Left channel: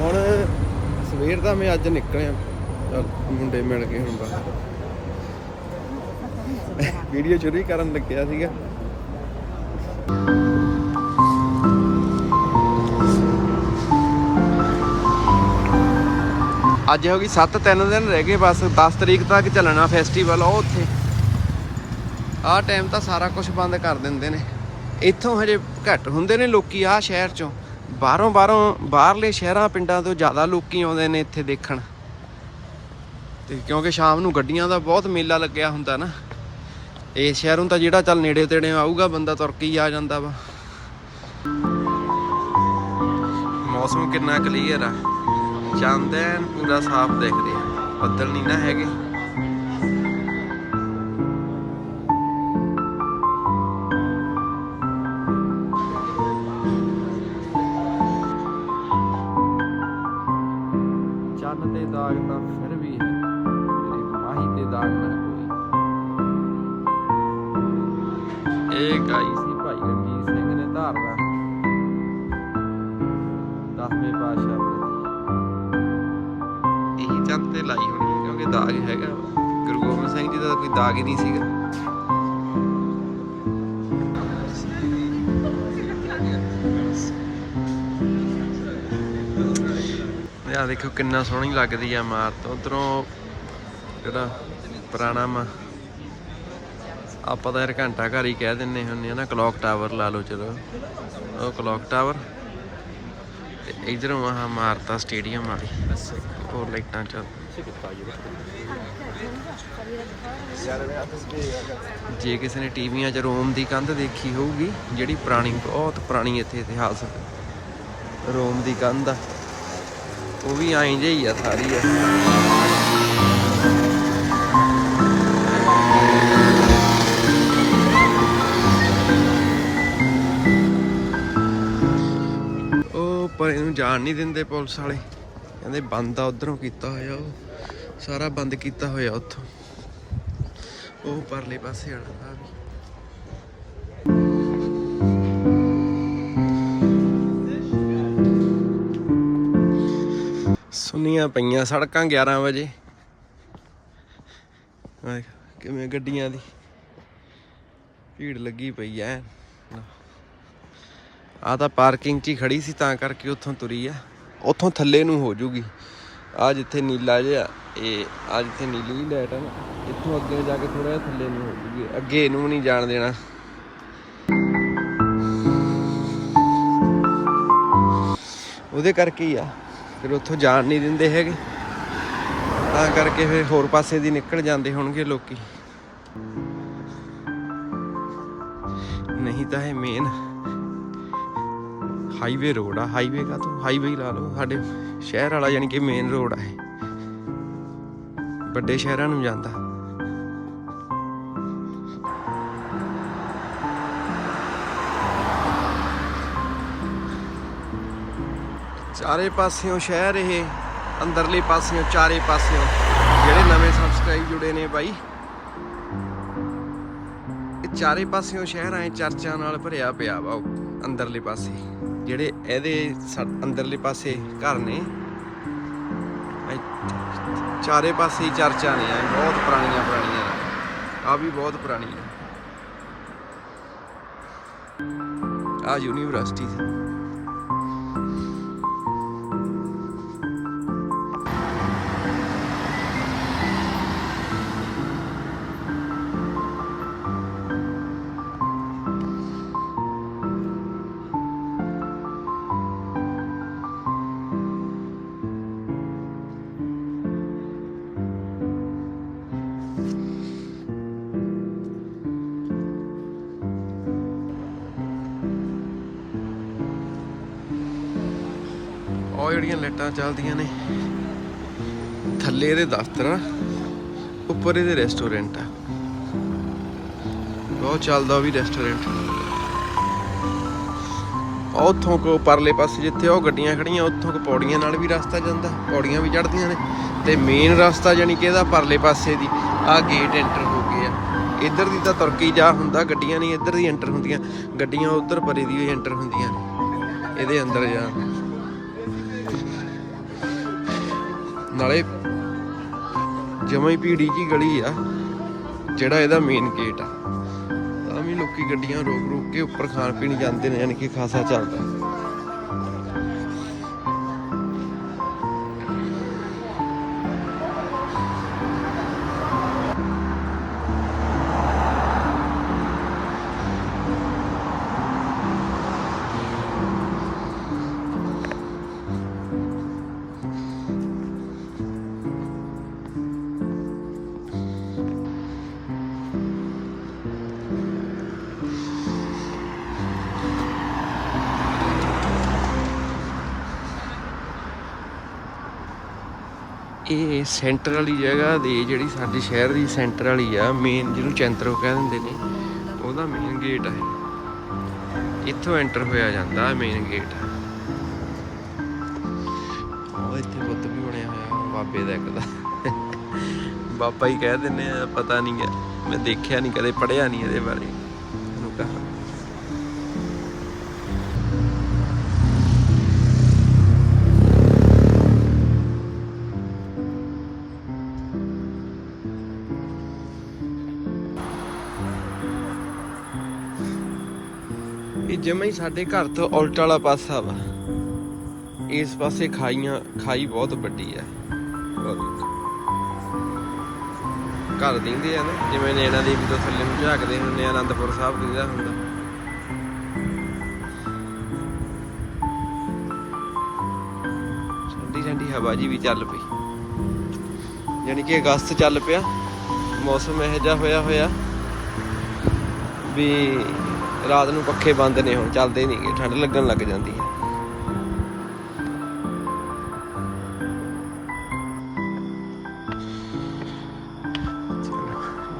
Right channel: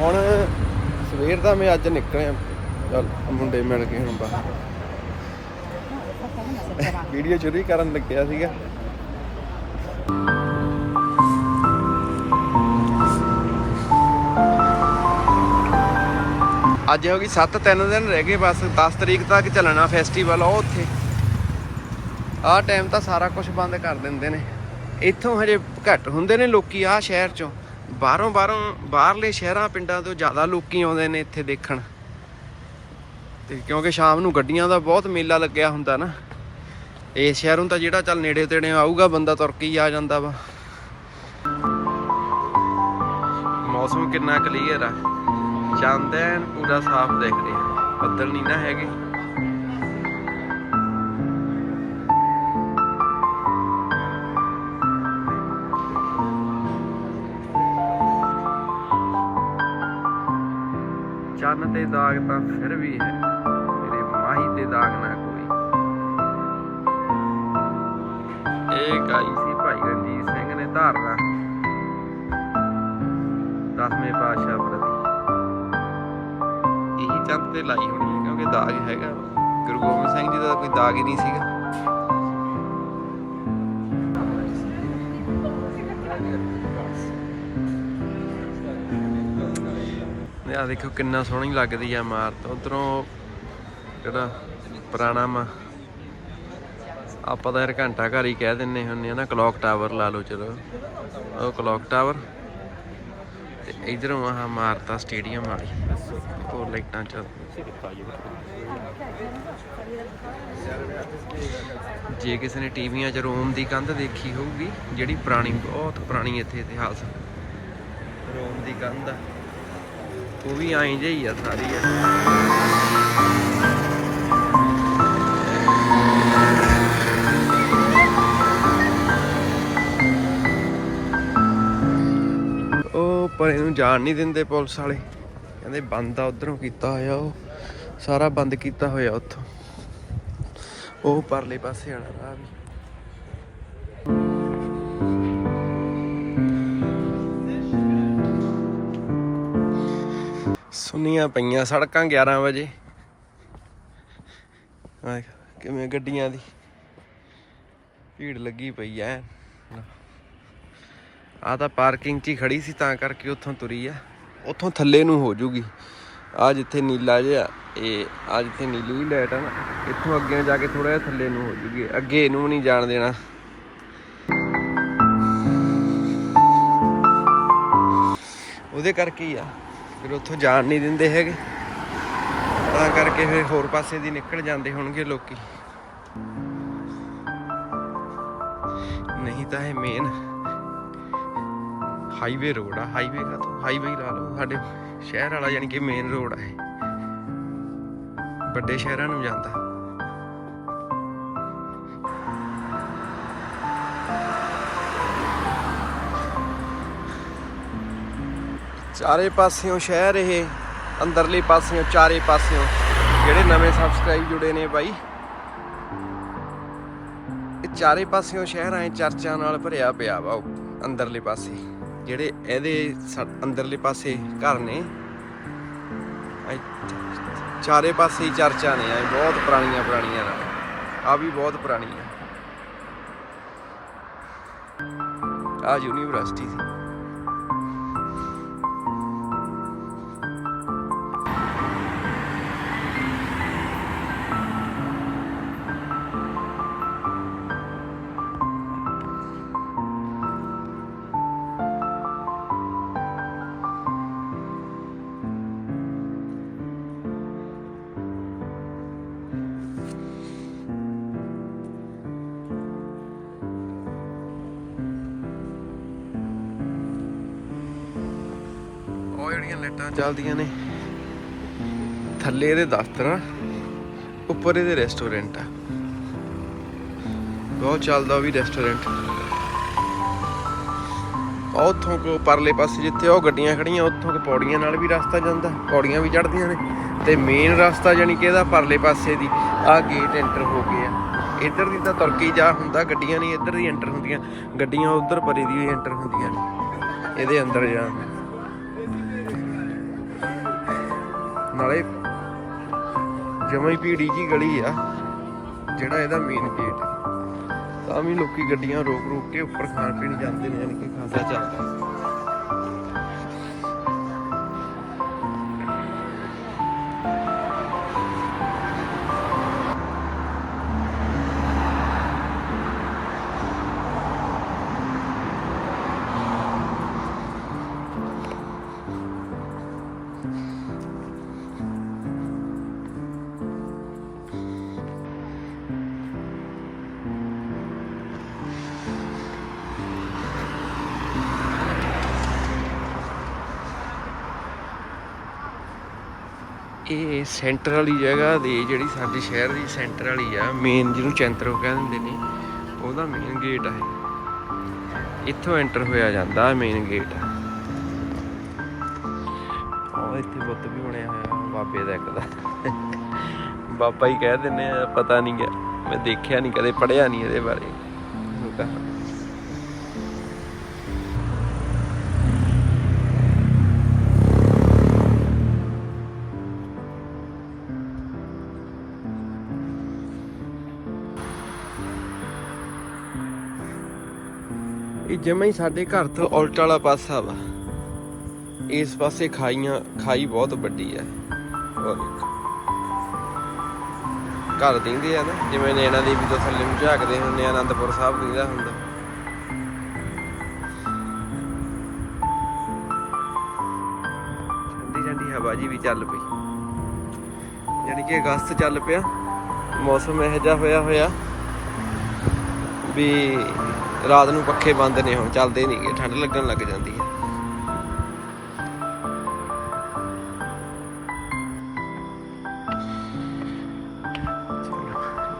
ਹੁਣ ਸਵੇਰ ਦਾ ਮੈਂ ਅੱਜ ਨਿਕਲਿਆ। ਚੱਲ, ਮੁੰਡੇ ਮਿਲ ਗਏ ਹੁਣ ਬਾਹਰ। ਵੀਡੀਓ ਸ਼ੁਰੂ ਕਰਨ ਲੱਗਿਆ ਸੀਗਾ। ਅੱਜ ਹੋ ਗਈ 7 ਤਿੰਨ ਦਿਨ ਰਹਿ ਗਏ ਬਸ। 10 ਤਰੀਕ ਤੱਕ ਚੱਲਣਾ ਫੈਸਟੀਵਲ ਉਹ ਉੱਥੇ। ਆਹ ਟਾਈਮ ਤਾਂ ਸਾਰਾ ਕੁਝ ਬੰਦ ਕਰ ਦਿੰਦੇ ਨੇ। ਇੱਥੋਂ ਹਜੇ ਘੱਟ ਹੁੰਦੇ ਨੇ ਲੋਕੀ ਆਹ ਸ਼ਹਿਰ ਚੋਂ। ਬਾਹਰੋਂ ਬਾਹਰੋਂ ਬਾਹਰਲੇ ਸ਼ਹਿਰਾਂ ਪਿੰਡਾਂ ਤੋਂ ਜ਼ਿਆਦਾ ਲੋਕੀ ਆਉਂਦੇ ਨੇ ਇੱਥੇ ਦੇਖਣ। ਤੇ ਕਿਉਂਕਿ ਸ਼ਾਮ ਨੂੰ ਗੱਡੀਆਂ ਦਾ ਬਹੁਤ ਮੇਲਾ ਲੱਗਿਆ ਹੁੰਦਾ ਨਾ। ਇਹ ਸ਼ਹਿਰੋਂ ਤਾਂ ਜਿਹੜਾ ਚੱਲ ਨੇੜੇ ਤੇੜੇ ਆਊਗਾ, ਬੰਦਾ ਤੁਰ ਕੇ ਹੀ ਆ ਜਾਂਦਾ ਵਾ। ਮੌਸਮ ਕਿੰਨਾ ਕਲੀਅਰ ਆ। ਚੰਦ ਐਨ ਪੂਰਾ ਸਾਫ਼ ਦਿਖ ਰਿਹਾ। ਬੱਦਲ ਨਹੀਂ ਨਾ ਹੈਗੇ। ਚੰਨ ਤੇ ਦਾਗ ਤਾਂ ਫਿਰ ਵੀ ਹੈ ਮੇਰੇ ਮਾਹੀ ਤੇ ਦਾਗ ਨਾ ਕੋਈ। ਇਹ ਗਾਈ ਸੀ ਭਾਈ ਰਣਜੀਤ ਸਿੰਘ ਨੇ ਧਾਰਨਾ। ਦਸਵੇਂ ਪਾਤਸ਼ਾਹ ਪ੍ਰਤੀ। ਇਹੀ ਚੰਦ ਤੇ ਲਾਈ ਹੋਣੀ ਹੈ, ਕਿਉਂਕਿ ਦਾਗ ਹੈਗਾ। ਗੁਰੂ ਗੋਬਿੰਦ ਸਿੰਘ ਜੀ ਦਾ ਕੋਈ ਦਾਗ ਹੀ ਨਹੀਂ ਸੀਗਾ। ਆ ਦੇਖੋ ਕਿੰਨਾ ਸੋਹਣੀ ਲੱਗਦੀ ਆ ਇਮਾਰਤ। ਉਧਰੋਂ ਜਿਹੜਾ ਪੁਰਾਣਾ ਮਾ ਆਪਾਂ ਤਾਂ ਯਾਰ ਘੰਟਾ ਘਰ ਹੀ ਕਹਿ ਦਿੰਨੇ ਹੁੰਨੇ ਆ ਨਾ ਕਲੌਕ ਟਾਵਰ ਲਾ ਲਓ ਚਲੋ ਉਹ ਕਲੌਕ ਟਾਵਰ ਤੇ ਇਧਰੋਂ ਆਹ ਇਮਾਰਤ ਸਟੇਡੀਅਮ ਵਾਲੀ। ਉਹ ਲਾਈਟਾਂ ਚੱਲ ਜੇ ਕਿਸੇ ਨੇ ਟੀਵੀਆਂ 'ਚ ਰੋਮ ਦੀ ਕੰਧ ਦੇਖੀ ਹੋਊਗੀ, ਜਿਹੜੀ ਪੁਰਾਣੀ, ਬਹੁਤ ਪੁਰਾਣੀ ਇੱਥੇ ਇਤਿਹਾਸ। ਰੋਮ ਦੀ ਕੰਧ ਆ। ਉਹ ਵੀ ਐਂ ਜਿਹੀ ਆ, ਸਾਰੀ ਆ। ਉਹ ਪਰ ਇਹਨੂੰ ਜਾਣ ਨਹੀਂ ਦਿੰਦੇ ਪੁਲਿਸ ਵਾਲੇ। ਕਹਿੰਦੇ ਬੰਦ ਆ, ਉਧਰੋਂ ਕੀਤਾ ਹੋਇਆ ਉਹ। ਸਾਰਾ ਬੰਦ ਕੀਤਾ ਹੋਇਆ ਉੱਥੋਂ। ਉਹ ਪਰਲੇ ਪਾਸੇ ਵਾਲਾ ਰਾਹ ਵੀ। ਸੁਨੀਆਂ ਪਈਆਂ ਸੜਕਾਂ 11 ਵਜੇ। ਕਿਵੇਂ ਗੱਡੀਆਂ ਦੀ ਭੀੜ ਲੱਗੀ ਪਈ ਐ। ਆ ਤਾਂ ਪਾਰਕਿੰਗ 'ਚ ਹੀ ਖੜੀ ਸੀ, ਤਾਂ ਕਰਕੇ ਉੱਥੋਂ ਤੁਰੀ ਆ। ਉੱਥੋਂ ਥੱਲੇ ਨੂੰ ਹੋ ਜੂਗੀ। ਆ ਜਿੱਥੇ ਨੀਲਾ ਜਿਹਾ, ਇਹ ਆ ਜਿੱਥੇ ਨੀਲੀ ਜਿਹੀ ਲਾਈਟ ਆ ਨਾ, ਇੱਥੋਂ ਅੱਗੇ ਜਾ ਕੇ ਥੋੜਾ ਜਿਹਾ ਥੱਲੇ ਨੂੰ ਹੋ ਜੂਗੀ। ਅੱਗੇ ਇਹਨੂੰ ਨਹੀਂ ਜਾਣ ਦੇਣਾ। ਉਹਦੇ ਕਰਕੇ ਹੀ ਆ। ਫਿਰ ਉੱਥੋਂ ਜਾਣ ਨਹੀਂ ਦਿੰਦੇ ਹੈਗੇ। ਤਾਂ ਕਰਕੇ ਫਿਰ ਹੋਰ ਪਾਸੇ ਦੀ ਨਿਕਲ ਜਾਂਦੇ ਹੋਣਗੇ ਲੋਕੀ। ਨਹੀਂ ਤਾਂ ਇਹ ਮੇਨ ਹਾਈਵੇ ਰੋਡ ਆ। ਹਾਈਵੇ ਕਾ ਤੋਂ ਹਾਈਵੇ ਲਾ ਲਓ। ਸਾਡੇ ਸ਼ਹਿਰ ਵਾਲਾ ਯਾਨੀ ਕਿ ਮੇਨ ਰੋਡ ਆ ਇਹ। ਵੱਡੇ ਸ਼ਹਿਰਾਂ ਨੂੰ ਜਾਂਦਾ। ਚਾਰੇ ਪਾਸਿਓਂ ਸ਼ਹਿਰ ਇਹ, ਅੰਦਰਲੇ ਪਾਸਿਓਂ, ਚਾਰੇ ਪਾਸਿਓਂ। ਜਿਹੜੇ ਨਵੇਂ ਸਬਸਕ੍ਰਾਈਬ ਜੁੜੇ ਨੇ ਬਾਈ। ਇਹ ਚਾਰੇ ਪਾਸਿਓਂ ਸ਼ਹਿਰ ਐ ਚਰਚਾਂ ਨਾਲ ਭਰਿਆ ਪਿਆ ਵਾ ਅੰਦਰਲੇ ਪਾਸੇ। ਜਿਹੜੇ ਇਹਦੇ ਅੰਦਰਲੇ ਪਾਸੇ ਘਰ ਨੇ ਚਾਰੇ ਪਾਸੇ ਹੀ ਚਰਚਾ ਨੇ, ਐ ਬਹੁਤ ਪੁਰਾਣੀਆਂ ਪੁਰਾਣੀਆਂ ਆ ਵੀ ਬਹੁਤ ਪੁਰਾਣੀ ਆ। ਆ ਯੂਨੀਵਰਸਿਟੀ ਸੀ। ਉਹ ਜਿਹੜੀਆਂ ਲਾਈਟਾਂ ਚੱਲਦੀਆਂ ਨੇ, ਥੱਲੇ ਇਹਦੇ ਦਫ਼ਤਰ ਉੱਪਰ ਇਹਦੇ ਰੈਸਟੋਰੈਂਟ ਆ। ਬਹੁਤ ਚੱਲਦਾ ਵੀ ਰੈਸਟੋਰੈਂਟ ਉੱਥੋਂ ਕੋ ਪਰਲੇ ਪਾਸੇ ਜਿੱਥੇ ਉਹ ਗੱਡੀਆਂ ਖੜੀਆਂ, ਉੱਥੋਂ ਕੋ ਪੌੜੀਆਂ ਨਾਲ ਵੀ ਰਸਤਾ ਜਾਂਦਾ, ਪੌੜੀਆਂ ਵੀ ਚੜਦੀਆਂ ਨੇ। ਤੇ ਮੇਨ ਰਸਤਾ ਜਾਨੀ ਕਿ ਇਹਦਾ ਪਰਲੇ ਪਾਸੇ ਦੀ ਆ ਗੇਟ ਐਂਟਰ ਹੋ ਗਏ ਆ। ਇੱਧਰ ਦੀ ਤਾਂ ਤੁਰਕੀ ਜਾ ਹੁੰਦਾ, ਗੱਡੀਆਂ ਨਹੀਂ ਇੱਧਰ ਦੀ ਐਂਟਰ ਹੁੰਦੀਆਂ, ਗੱਡੀਆਂ ਉੱਧਰ ਪਰੇ ਦੀ ਐਂਟਰ ਹੁੰਦੀਆਂ ਨੇ। ਇਹਦੇ ਅੰਦਰ ਜਾਣ। ਨਾਲੇ ਜਮਾਂ ਹੀ ਭੀੜੀ ਜੀ ਗਲੀ ਆ, ਜਿਹੜਾ ਇਹਦਾ ਮੇਨ ਗੇਟ ਆ। ਤਾਂ ਵੀ ਲੋਕੀ ਗੱਡੀਆਂ ਰੋਕ ਰੋਕ ਕੇ ਉੱਪਰ ਖਾਣ ਪੀਣ ਜਾਂਦੇ ਨੇ, ਯਾਨੀ ਕਿ ਖਾਸਾ ਚੱਲਦਾ। ਇਹ ਸੈਂਟਰ ਵਾਲੀ ਜਗ੍ਹਾ ਦੀ ਜਿਹੜੀ ਸਾਡੀ ਸ਼ਹਿਰ ਦੀ ਸੈਂਟਰ ਵਾਲੀ ਆ ਮੇਨ ਜਿਹਨੂੰ ਚੈਂਤਰੋ ਕਹਿ ਦਿੰਦੇ ਨੇ, ਉਹਦਾ ਮੇਨ ਗੇਟ ਆ ਇੱਥੋਂ ਐਂਟਰ ਹੋਇਆ ਜਾਂਦਾ ਮੇਨ ਗੇਟ ਆ ਉਹ ਇੱਥੇ ਬੁੱਤ ਵੀ ਬਣਿਆ ਹੋਇਆ, ਬਾਬੇ ਦਾ ਇੱਕ ਦਾ। ਬਾਬਾ ਹੀ ਕਹਿ ਦਿੰਦੇ ਆ, ਪਤਾ ਨਹੀਂ ਹੈ ਮੈਂ ਦੇਖਿਆ ਨਹੀਂ ਕਦੇ ਪੜਿਆ ਨਹੀਂ ਇਹਦੇ ਬਾਰੇ। ਇਹਨੂੰ ਕਹਾਂ। ਇਹ ਜਮਾਂ ਹੀ ਸਾਡੇ ਘਰ ਤੋਂ ਉਲਟ ਵਾਲਾ ਪਾਸਾ ਵਾ। ਇਸ ਪਾਸੇ ਖਾਈਆਂ, ਖਾਈ ਬਹੁਤ ਵੱਡੀ ਆ। ਘਰ ਦਿੰਦੇ ਆ ਨਾ, ਜਿਵੇਂ ਨੈਣਾ ਦੇਵੀ ਤੋਂ ਥੱਲੇ ਨੂੰ ਝਾਕਦੇ ਹੁੰਦੇ ਆ ਆਨੰਦਪੁਰ ਸਾਹਿਬ ਦਿੰਦਾ ਹੁੰਦਾ। ਠੰਡੀ ਠੰਡੀ ਹਵਾ ਜੀ ਵੀ ਚੱਲ ਪਈ। ਯਾਨੀ ਕਿ ਅਗਸਤ ਚੱਲ ਪਿਆ। ਮੌਸਮ ਇਹੋ ਜਿਹਾ ਹੋਇਆ ਹੋਇਆ ਵੀ ਰਾਤ ਨੂੰ ਪੱਖੇ ਬੰਦ ਨੇ ਹੁਣ, ਚੱਲਦੇ ਨਹੀਂਗੇ ਠੰਡ ਲੱਗਣ ਲੱਗ ਜਾਂਦੀ ਹੈ।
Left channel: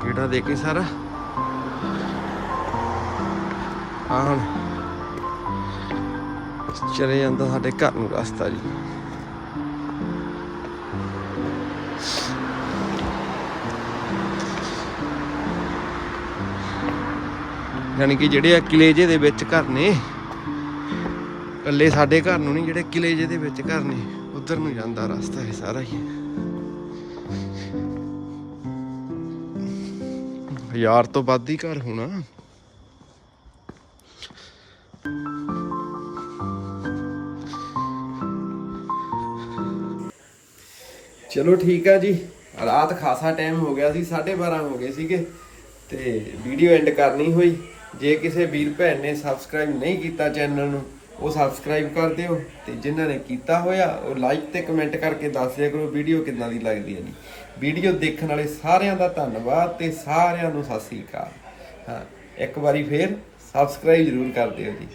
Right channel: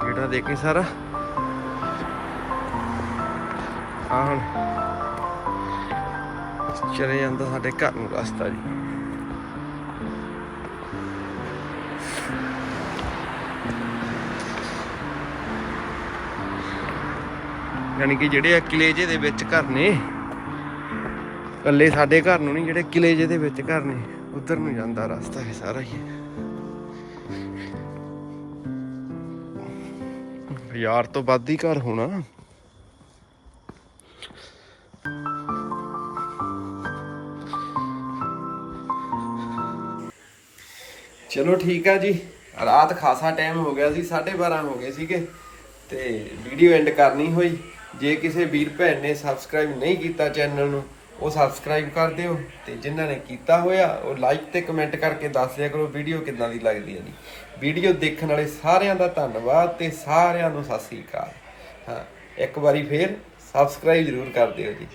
ਜਿਹੜਾ ਦੇ ਕੇ ਸਾਰਾ। ਆ ਹੁਣ ਚਲੇ ਜਾਂਦਾ ਸਾਡੇ ਘਰ ਨੂੰ ਰਸਤਾ ਜੀ। ਯਾਨੀ ਕਿ ਜਿਹੜੇ ਆ ਕਿਲੇ ਜੇ ਦੇ ਵਿੱਚ ਘਰ ਨੇ। ਕੱਲੇ ਸਾਡੇ ਘਰ ਨੂੰ ਨਹੀਂ, ਜਿਹੜੇ ਕਿਲੇ ਜੇ ਦੇ ਵਿੱਚ ਘਰ ਨੇ, ਉਧਰ ਨੂੰ ਜਾਂਦਾ ਰਸਤਾ ਹੈ ਸਾਰਾ ਹੀ। ਹਜ਼ਾਰ ਤੋਂ ਵੱਧ ਹੀ ਘਰ ਹੋਣਾ। ਚਲੋ ਠੀਕ ਆ ਜੀ। ਰਾਤ ਖਾਸਾ ਟਾਈਮ ਹੋ ਗਿਆ ਸੀ 12:30 ਹੋ ਗਏ ਸੀਗੇ, ਤੇ ਵੀਡੀਓ ਐਂਡ ਕਰਨੀ ਹੋਈ। ਜੇ ਕਿਸੇ ਵੀਰ ਭੈਣ ਨੇ ਸਬਸਕ੍ਰਾਈਬ ਨਹੀਂ ਕੀਤਾ ਚੈਨਲ ਨੂੰ, ਉਹ ਸਬਸਕ੍ਰਾਈਬ ਕਰ ਦਿਓ ਤੇ ਜਿਨ੍ਹਾਂ ਨੇ ਕੀਤਾ ਹੋਇਆ, ਉਹ ਲਾਈਕ ਤੇ ਕਮੈਂਟ ਕਰਕੇ ਦੱਸ ਦਿਆ ਕਰੋ ਵੀਡੀਓ ਕਿੱਦਾਂ ਦੀ ਲੱਗਦੀ ਹੈ ਜੀ। ਵੀਡੀਓ ਦੇਖਣ ਵਾਲੇ ਸਾਰਿਆਂ ਦਾ ਧੰਨਵਾਦ ਤੇ ਸਾਰਿਆਂ ਨੂੰ ਸਤਿ ਸ੍ਰੀ ਅਕਾਲ। ਹਾਂ, ਇੱਕ ਵਾਰੀ ਫੇਰ ਸਬਸਕ੍ਰਾਈਬ ਜ਼ਰੂਰ ਕਰ ਦਿਓ ਜੀ।